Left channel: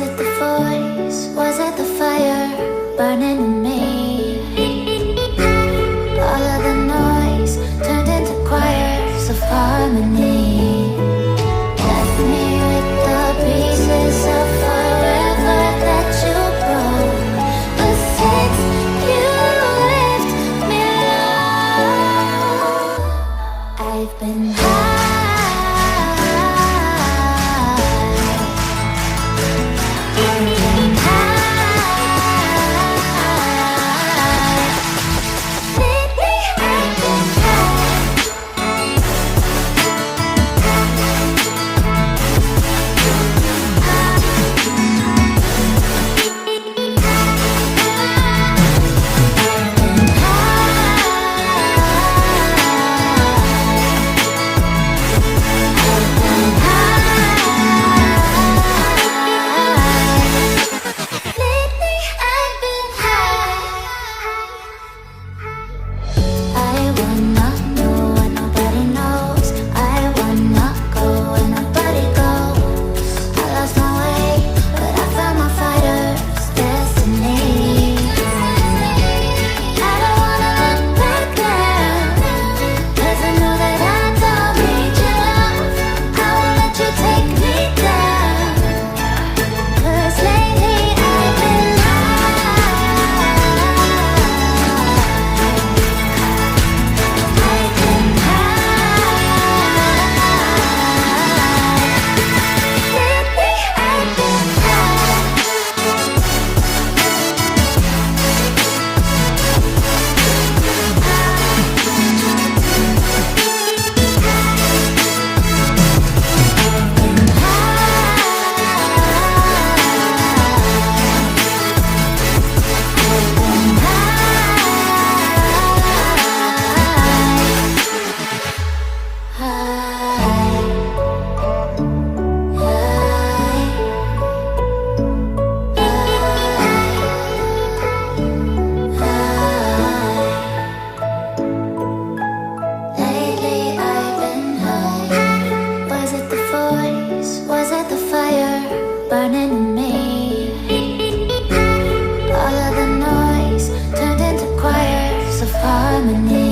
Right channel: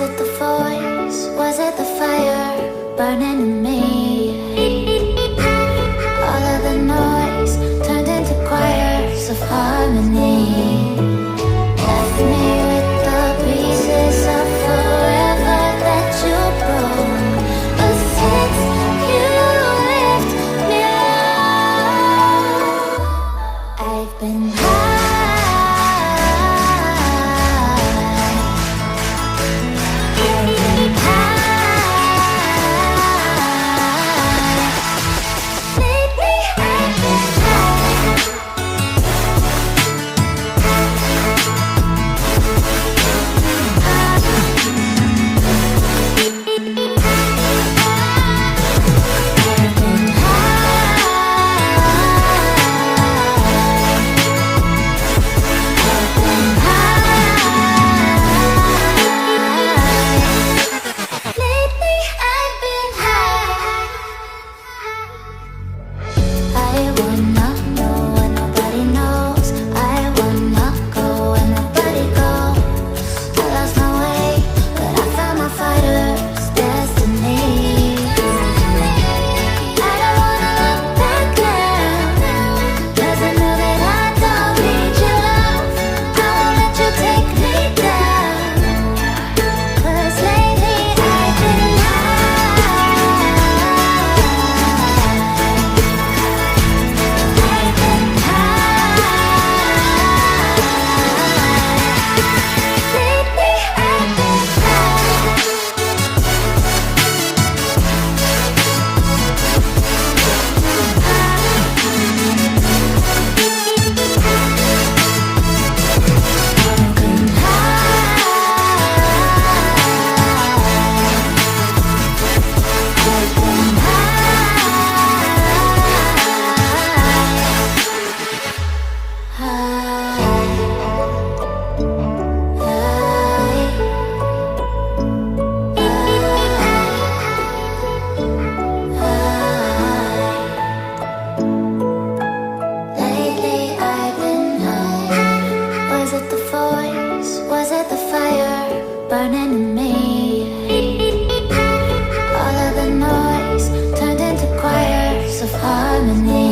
Was it the voice? Was it the fire burning in me? All of the noise turned into choirs of harmony. Left me with the pieces of forever that you broke. But since you left me alone, I've been high. Was it the fire burning in me? All of the noise turned into choirs of harmony.